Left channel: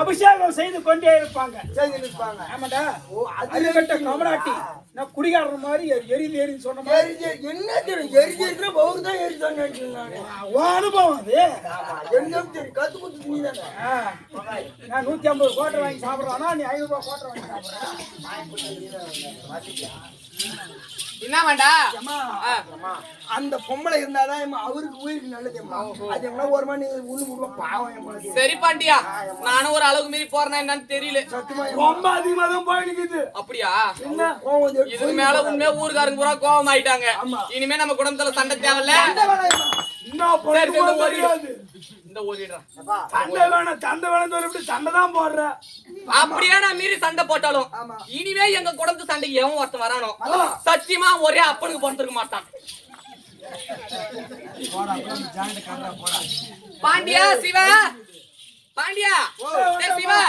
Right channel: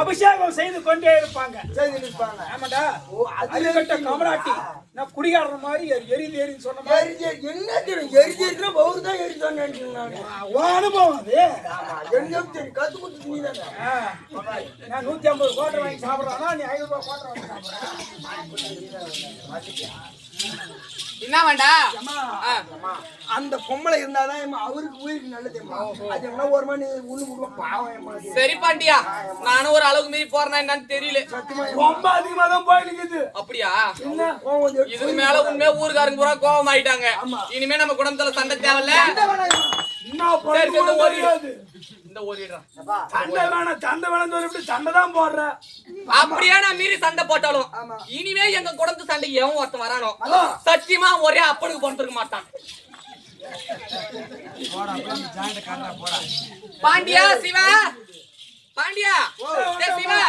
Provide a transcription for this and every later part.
அபிஷேகம் செய்து கொண்டே இருப்பாங்க. ஆமாடா, அதுகட்ட கமராட்டி நான் குடிகாரற மாதிரி எரிது சொன்ன மாதிரி என்ன தெரியும்? எரிஞ்சிருக்கிற பவுல் தான் எரி சொன்னேன். அனுபவம் அது. கத்து கொடுத்து நீ தானே. நான் 150 கோட்டை வாங்கி சாப்பிட்றானா, நீ 500 ரூபாய் கோட்டை வாங்கி சாப்பிட்ற. என்ன வேண்டா? அந்த பொம்பளை இருந்தாதான் அவருக்கு உயிருக்கு நல்லது. அது என்ன ஒரு மணி உள்ள பாவம். சரி பாண்டியா, நானும் ஒரு அளவுக்கு மீறி போறேன்னா என்னன்னு தெரியல. ரொம்ப அதிகமா தான் போயிடுது. அப்படியா? இதுக்கு மேல உண்மையா ஊருக்காரங்க பூரா கோபம் ஆயிட்டாங்க. இனிமே நம்ம குடும்பத்துல சண்டை தேவையில்ல. அப்படியே நான் மீறி சண்டை போட்டாலும் இனிமே எங்க குடும்பத்து சண்டை எவன் ஒருத்தன் வரானோ சத்தியமா ஒரே அப்பனுக்கு பொறுத்திருக்க மாட்டான். பாண்டியா சிவா, பாண்டியா சிவா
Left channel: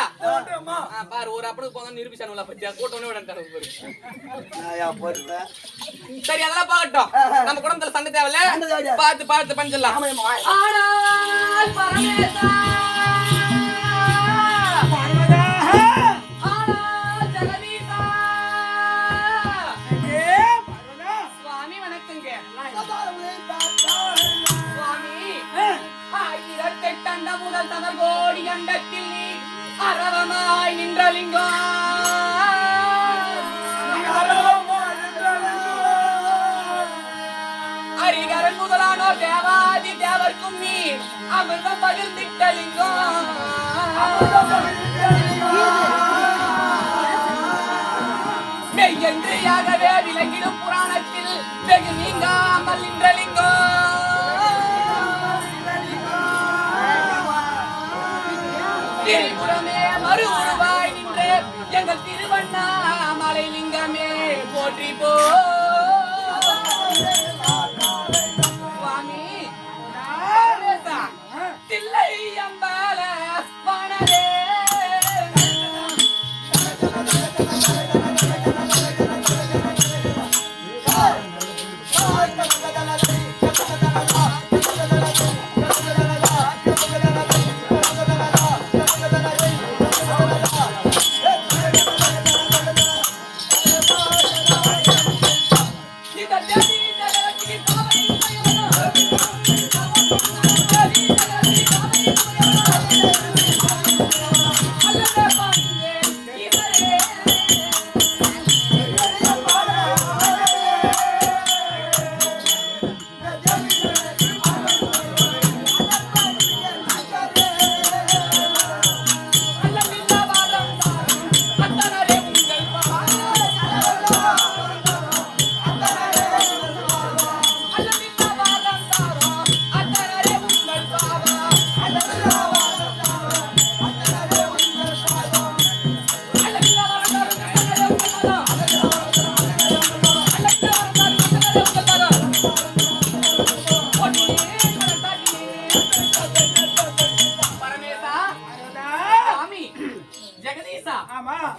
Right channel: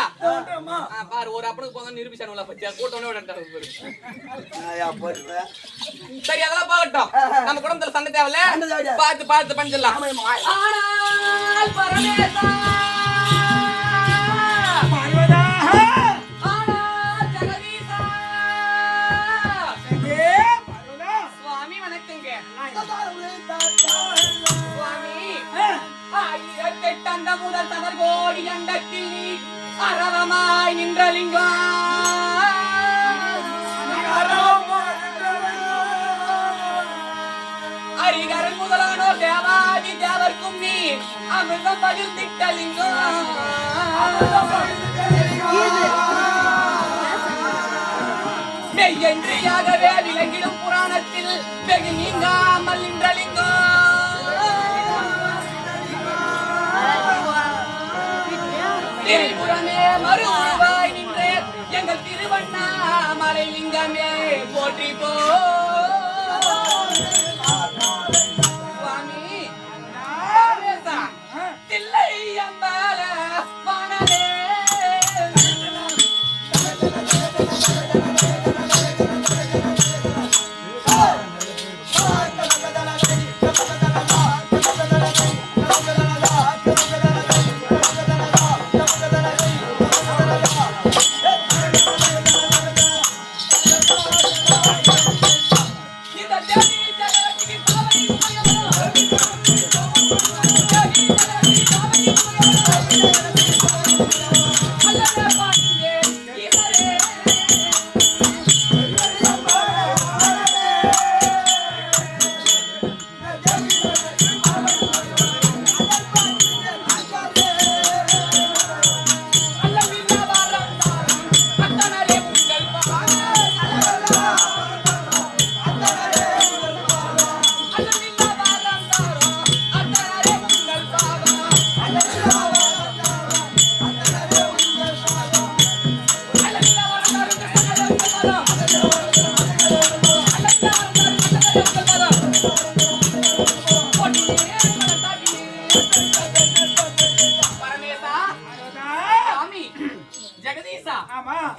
பாரு, ஒரு அப்பனுக்கு போங்க நிரூபிச்சானுல பத்தியா கூட்டோன்னு சரி, அதெல்லாம் போகட்டும். நம்ம குடும்பத்துல சண்டை தேவையில்ல. பார்த்து பார்த்து பஞ்சலாம். ஆனால் பரமேசா, ஆனால் ஜெகதீசா, சுவாமி வணக்கங்க. சுவாமி, 1008 அண்ட முதல் தவர்கோடி அண்டத்தில் நீ அரவமாய் நின்ற லிங்கம். ஹரிகரன் முதலானோர் தேவாதி தேவர்க்கும் நீ அமிர்தம் பகிர்ந்திட்ட லிங்கம். மெய்யென்றியாகவே விளங்கிடும் புராணத்தில் வெகு நீங்காமல் நின்ற லிங்கம். திரிபுரமே மறு உருவாய் நின்றே எங்கள் திருவண்ணாமலை லிங்கமே போற்றி போ. சுவாமி தில்லை அம்பால வானரே,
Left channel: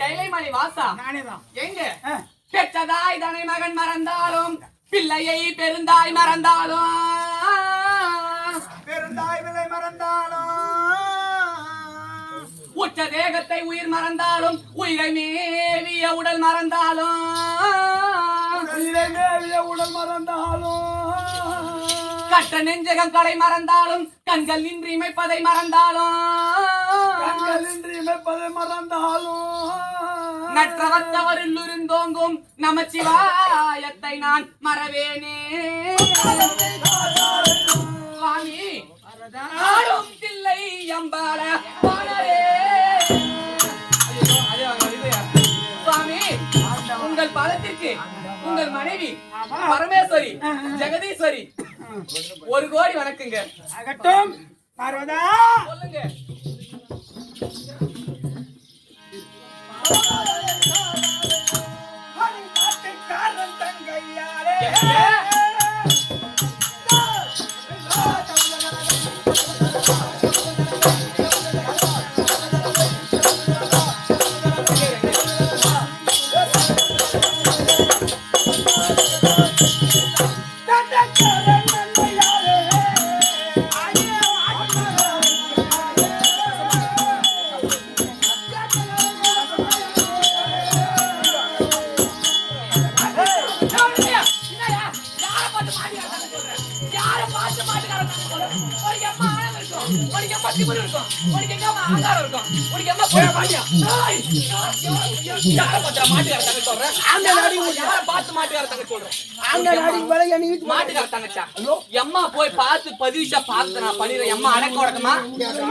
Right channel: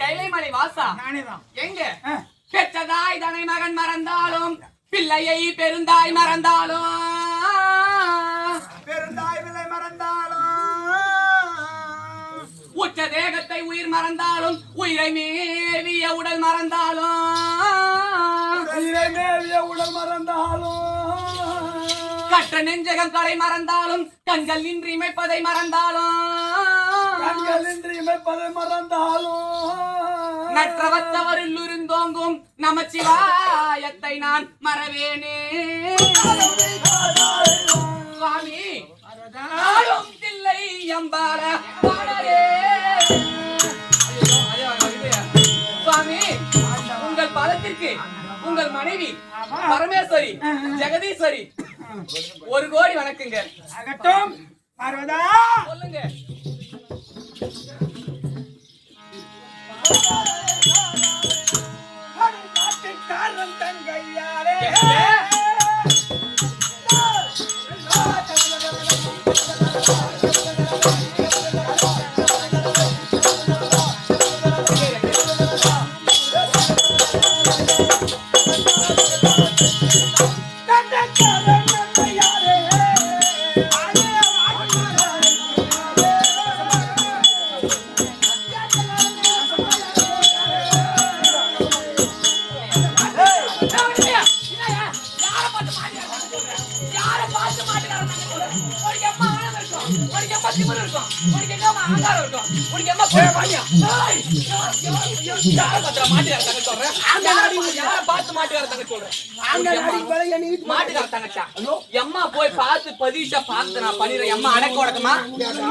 கைலைமலை வாசா, எங்க பெற்றதாய் தனை மகன் மறந்தாலும் பிள்ளையை பெருந்தாய் மறந்தாலும் உச்ச தேகத்தை உயிர் மறந்தாலும் உயிரை மேவிய உடல் மறந்தாலும் கற்ற நெஞ்சகம் கலை மறந்தாலும் கண்கள் நின்று இமைப்பதை மறந்தாலும் நற்றவத்தவரில் இருந்தோங்கும் நமச்சிவாயத்தை நான் மறவேனே. சுவாமி தில்லை அம்பால வானரே. சுவாமி, உங்கள் பாதத்திற்கு உங்கள் மனைவி பரமேஸ்வரி ஜெகதீஸ்வரி 1 கோடி வணக்குங்க. அகட்டும் பார்வதா, சொல்லுங்க. இருக்கும் உனக்கு எங்கம்மா ஆங்காரம் இருக்கும் உனக்கு எம்மா போய் வாங்கியா யாரை பத்திர மாட்டுக்கார தங்க சொல்றேன் யாரை பார்த்து மாட்டுக்கார தங்க சொல்றேன் மாட்டுக்கார தங்கச்சா எம்மா போய் பார்த்து பதிவிச்சா பார்த்து நான் பண்ணிடுறேன் எம்மா அடக்க உடக்கமா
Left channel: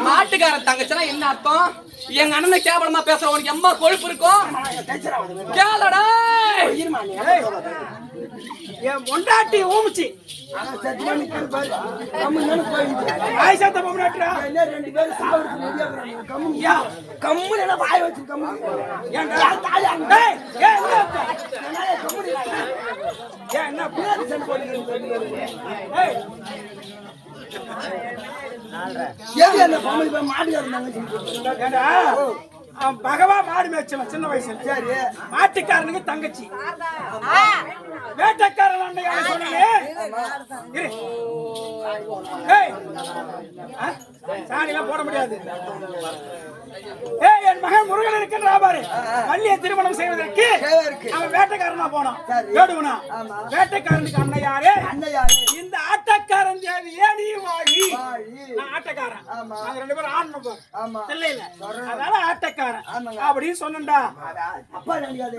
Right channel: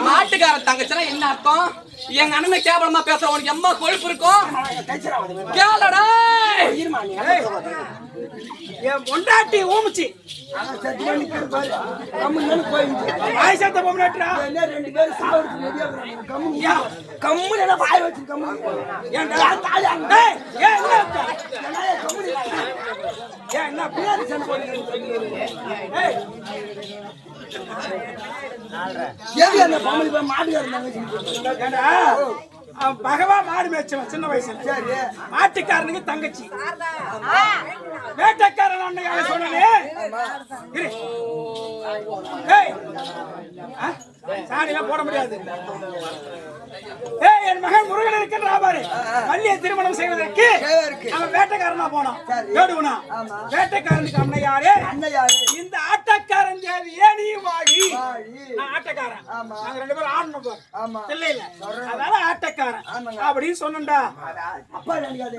மாட்டுக்கார தங்கச்சனா என்ன அர்த்தம் எங்க அண்ணனை கேவலமா பேச உனக்கு எம்மா கொழுப்பு இருக்கும் கேளடா என் பொண்டாட்டி ஊமிச்சு வாய்சாத்த பொம்னாட்டுறா ரெண்டு பேரும் சாவடிச்சு கம்முன்னு வாய் வச்சு கம்மு என்ன பின்னாடி சண்டை போடுறீங்க அந்த பொம்பளை போய் மாட்டுக்காரங்க பகவா மாடு மேய்ச்சவன் சின்ன வயசுல சரி மாட்டுக்காரனுக்கு தங்கச்சி வேட்டைக்காரன் அண்ணையால சொன்னே சாணிலாம் போட முடியாது என் மகன் முருகன் இருக்கின்றா பாரு வள்ளியை திருமணம் செய்வதற்கு அவன் வேட்டைக்காரனா போனான் கேடுவனா வேட்டைக்காரனுக்கு அண்ணையாரே இந்த ஆட்டக்காரன் தேவி ஏன் நீ வாழி நான் ஆட்டக்காரன் நாங்க ரெண்டு பேரும் ஆடணும் பாரு இல்ல அதனால ஆட்டக்காரன் அப்படின்னு சொன்னா அப்பா நினைக்காதே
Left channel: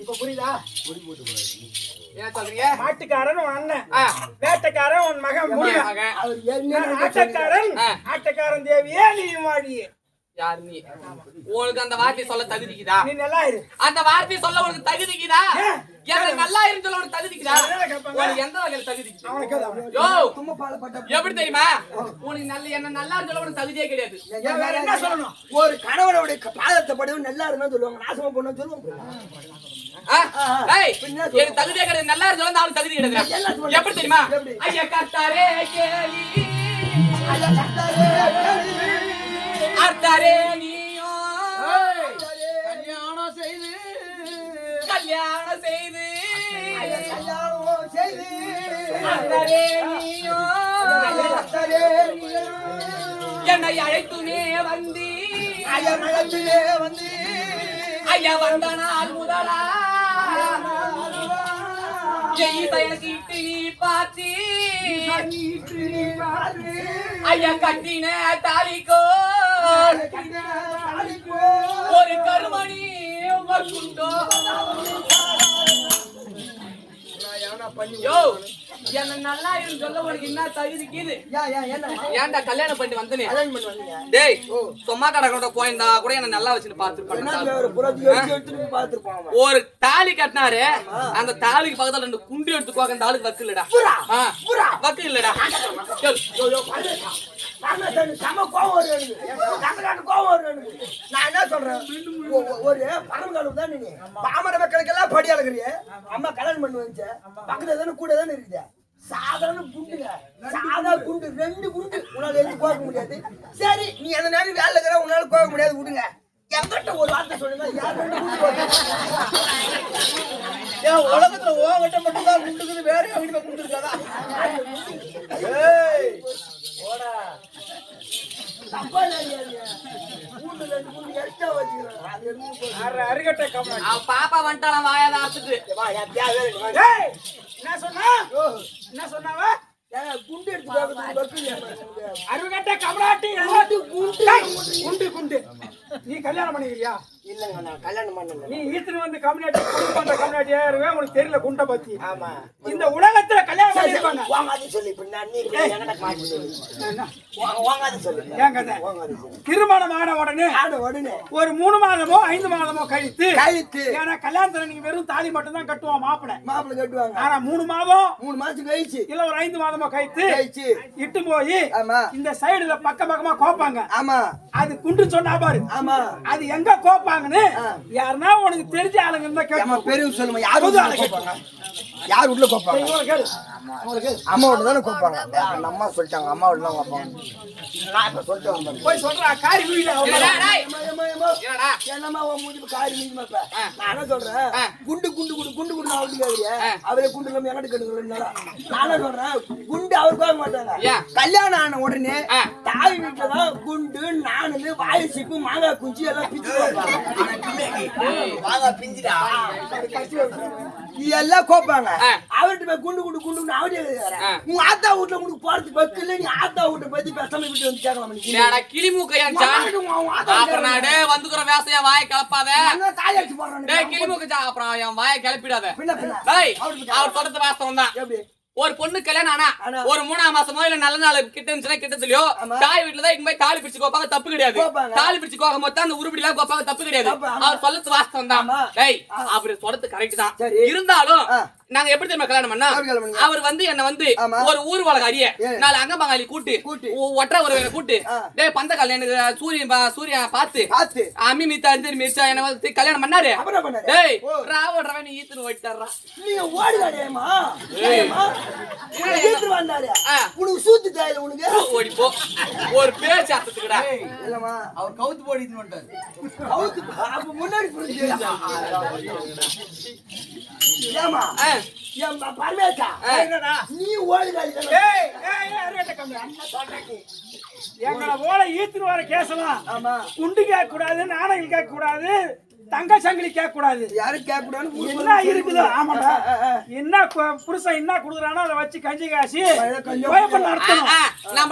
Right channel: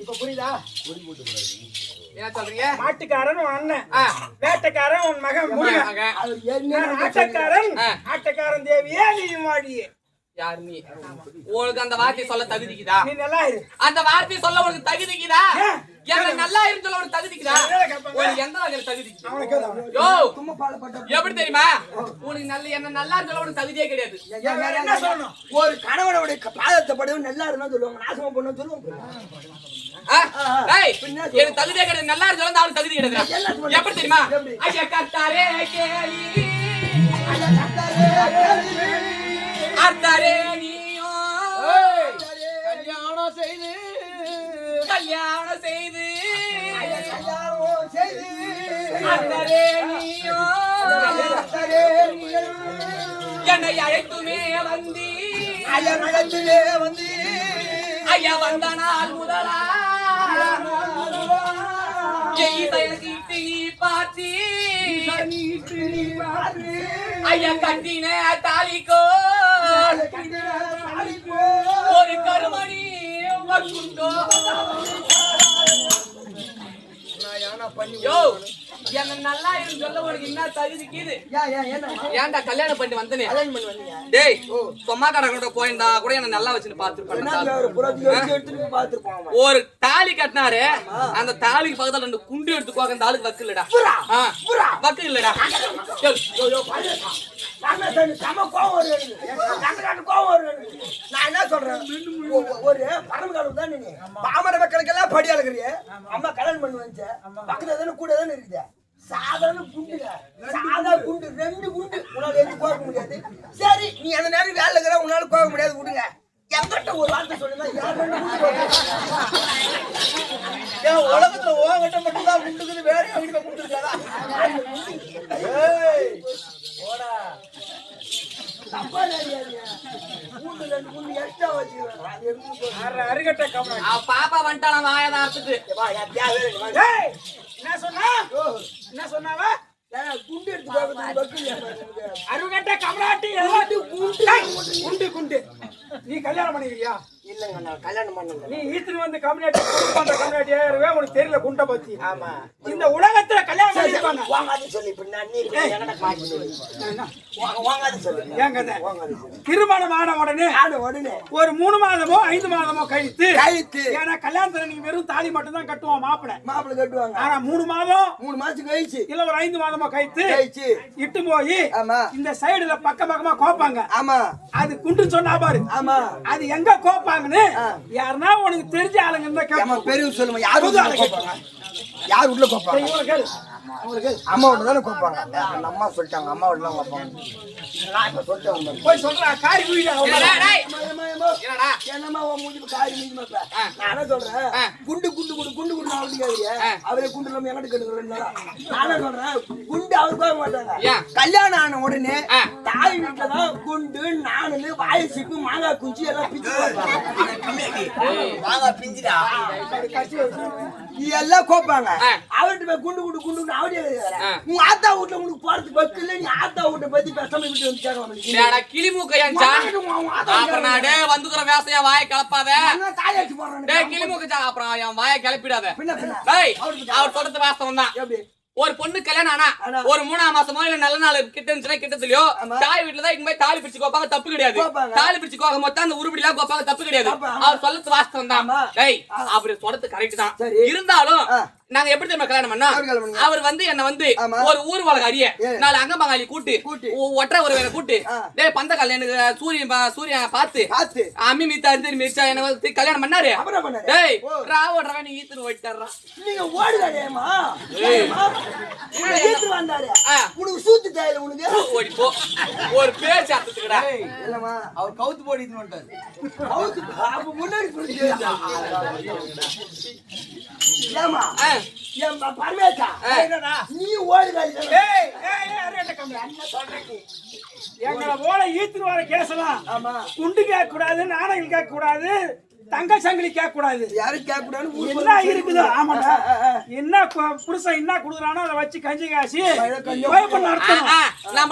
இப்ப புரியுதா என்ன சொல்றீங்க மாட்டுக்காரன் உன் அண்ணன் வேட்டைக்காரன் உன் மகன் முருகன் ஆட்டக்காரன் தேவியே நீ வாடியே யார் நீ உங்களுக்கு அந்த வார்த்தை சொல்ல தகுதிக்குதா நீ நல்லா இரு அந்த வார்த்தை சொல்ல உனக்கு தகுதிக்குதா எனக்கு நல்லா இருந்து சொல்ல உனக்கு தகுதிக்குதா உனக்கு எந்த வகையில தகுதி யோ எப்படி தெரியுமா உனக்கு நல்ல என்ன நல்லா இருந்து சொல்ல உனக்கு தகுதியே கிடையாது என்ன சொல்லணும் ஒரு கணவனுடைய பாதத்தை படுவது நல்லா இருந்தா சொல்லுவாங்க நாசமா பண்ண சொல்லுவாங்க எனக்கு தகுதியே கிடையாது நல்லா இருந்து சொல்ல அவனுக்கு தகுதி கிடையாது எப்படி தெரியுமா ஐயா கர்த்தாரே கேளி ஐயா கர்த்தாரே அர்த்தாரே நீயோ கல்யாணம் செய்து அர்த்தாரே நீயோ என்னை அழைத்துமே வந்து ஐயா வந்த நாள் முதலா எனக்கு நீ பார்த்து ஐயா கட்டின தாலிக்கோ ஒரு கருமணி என்ன நல்லா இருந்து சொல்ல உனக்கு என்ன தகுதிக்குது ஏன்டா கல்யாணம் பண்ணிட்டு வந்தனே டேய் சும்மா கடை போயிருந்தா கூட என்ன நல்லா வச்சுன்னு பாத்துருப்பாங்க ஒரு தாலி கட்டினாரு அந்த தாலிக்கு பக்கத்துல ரெண்டு குண்டு எடுத்துக்குவாங்க அந்த ஆளுக்கு வக்கு இல்லடா வக்கு இல்லடா நான் என்ன சொல்றேன் ஒரு பரமகாலம் தான் நீங்க பாமர மக்களுக்கெல்லாம் படி அழகுறிய அம்மா கல்யாணம் பண்ணி வச்ச பக்கத்துல தானே கூட தானே இருக்குது சாதாரண குண்டுங்க சாதா குண்டு ரெண்டு குண்டு உன்னால எடுத்து கோக்க முடியாது சரி நீ அந்த நேரம் வேலை இருக்கிற உன்னால கோக்க முடியாது விடுங்க எங்கிட்ட ஒரு வார்த்தை சொல்லுங்க யார் ரெண்டு குண்டு உலகத்துல ஓங்கிட்ட மட்டும் தான் குண்டுக்குது வேற எங்கிட்ட குண்டுருக்காதா ஓடா தப்பா பாப்பா வந்துட்டான் வாயதாரத்துக்கு என்ன சொன்னாவ குண்டு எடுத்து அருகட்ட கமலாட்டி குண்டு குண்டு நீ கல்யாணம் பண்ணிக்கிறியா இல்லங்க நான் கல்யாணம் பண்ணல நீ ஈத்துக்கு வந்து கம்யூனிட்டி குடும்ப பண்ற கம்யூனிட்டி ஏறுவே உனக்கு தெரியல குண்ட பத்தி ஆமா இந்த உலகத்துல கல்யாணம் பண்ணிருப்பாங்க வாங்காத சொல்லி பின்ன நீ எங்கட மாட்டி வாங்காத சொல்லி ஏங்க திருமணம் ஆன உடனே ஒரு 3 மாதமோ 5 மாதமோ கழித்து ஏன்னா கல்யாணத்துல நீங்க வெறும் தாலி மட்டும் தான் கட்டுவோம் மாப்பிள்ளை கட்டுவாங்க ஆனா 3 மாதம் 3 மாசம் கழிச்சு இல்ல ஒரு 5 மாதமோ கழித்து இட்டு போய் இந்த சைடுல பக்கமா கோப்பாங்க ஆமா அது குண்டு சொன்னா பாரு ஆமா அது எங்க கோப்பாங்கன்னு யாருன்னா உனக்கு தெரிஞ்ச ஆளுங்க இருந்தா கேட்பாங்க பெரிய சொல்லுங்க யாரு கோப்பாங்க யார் உள்ள கோப்பாங்க அம்மாவோட தானே கோப்பாங்க அந்த அம்மா சொல்லிட்டாங்க அம்மாவோட தான் கோப்பாங்க நான் இப்ப சொல்லிட்டு வந்தேன் போய் சொல்றா காரி வீடு என்னம்மா மூஞ்சி காரி மூஞ்சி நான் என்ன சொல்றேன் குண்டு குண்டு குண்டு குண்டு குண்டு நான் வந்து கேக்குறியா அவரே குண்டு இல்லாம எங்கிட்ட கேட்டுக்கிறேன் நான் என்ன சொல்றேன் குண்டு அவர் போக மாட்டாங்க கல்யாணம் ஆன உடனே தாய் வீட்டுல தான் குண்டு நானு வாய் சீப்பு மாங்காய் குஞ்சு எல்லாம் பிச்சு மாங்காய் பிஞ்சுடா எல்லாம் கோப்பாங்க ஆ. அவர்கிட்ட போய் குண்டு குண்டு குண்டு அவடியே உங்க ஆத்தா வீட்டுல உங்களுக்கு போறதுக்கு பக்கு இல்ல நீ ஆத்தா வீட்டை பத்தி பேசாம விட்டு வந்து கேட்கலாம் நீ. டேடா கிளிமூக்க ஏன் ஜான் உங்க ஆத்தா அப்புறம் நான் டேய் வந்துக்குற வேசையா வாயை கிளப்பாத நான் தாலி அடிச்சு போடுறேன் டேய் கிளிமூக்க ஜான் அப்புறம் என் வாயை கிளப்பிடாத பின்ன டேய் அவர் சொல்றது வாஸ்தவம் தான் எப்படி ஒரு பொண்ணு கல்யாணம் ஆனா. ஆனா ஒரு 3ஆம் மாசமோ இல்ல நல்ல நாள் கிட்ட இருந்துச்சுன்னா கிட்டத்துலயோ ஆமா. தாய் வீட்டுல தான் இங்க போய் தாலி பிடிச்சு கோப்பாங்க தப்பு கிடையாது கோப்பாங்க. தாலி பிடிச்சு கோக்க மொத்தம் அந்த உருப்படி எல்லாம் கோப்பாங்க தப்பு கிடையாது ஆமா. அவர் சொல்றது வாஸ்தவம் தான் ஆமா. டேய் அவர் சொல்றது கரெக்ட் தான் சரி. இருந்தாலும் ஆ. நாங்க எப்படி தெரியுமா கல்யாணம் பண்ணா எப்படி கல்யாணம் பண்ணீங்க? அவர் வந்து என்ன வந்து ஆமா. ஒரு ஊர் வழக்கு அறிய ஏ. 4 அங்கமங்காளி கூட்டு கூட்டு. ஒற்றை ஒரு கூட்டு ஆ. டேய் பந்தக்கால் எனக்கு சூரியன் பார்த்து ஆத்து அம்மி மித்தா அஞ்சு மிச்சா என்ன வந்து கல்யாணம் பண்ணாரு அப்புறம் பண்ணாரு டேய் ஓ. ராவோட நீ ஈத்துன்னு ஓடிட்டாரா நீங்க ஓடுகாடேமா ஏமா உன்னை ஏத்து வந்தாரு ஆ. உனக்கு சூத்து தேயில உனக்கு ஓடி போ ஒரு பேச்சு அர்த்தத்துக்குடா இல்லமா அவர் கவுத்து போடிட்டு வந்துட்டாரு. அவுத்து அப்ப முன்னாடி புரிஞ்சு ஏமா ஆ. ஏன் பரமேசா என்னடா? நீ ஓடுகாடி ஏய் ஏய் ஏய் ரேட்ட கம்மி அண்ணன் சொல்றேன் எங்களை போல ஈத்துன்னு வர கேசலாம் ஆமா குண்டு கேட்க கூடாது நாணயங்கள் கேட்க கூடாது தங்க சங்கிலி கேட்க கூடாது யாரும் கேட்க கூடாதுன்னு என்ன இருக்குதோ ஆமாடா என்ன புருஷன் என்ன குடுக்குறானோ அதை வச்சு கஞ்சி காசி பயப்பட நடத்தணும் நம்ம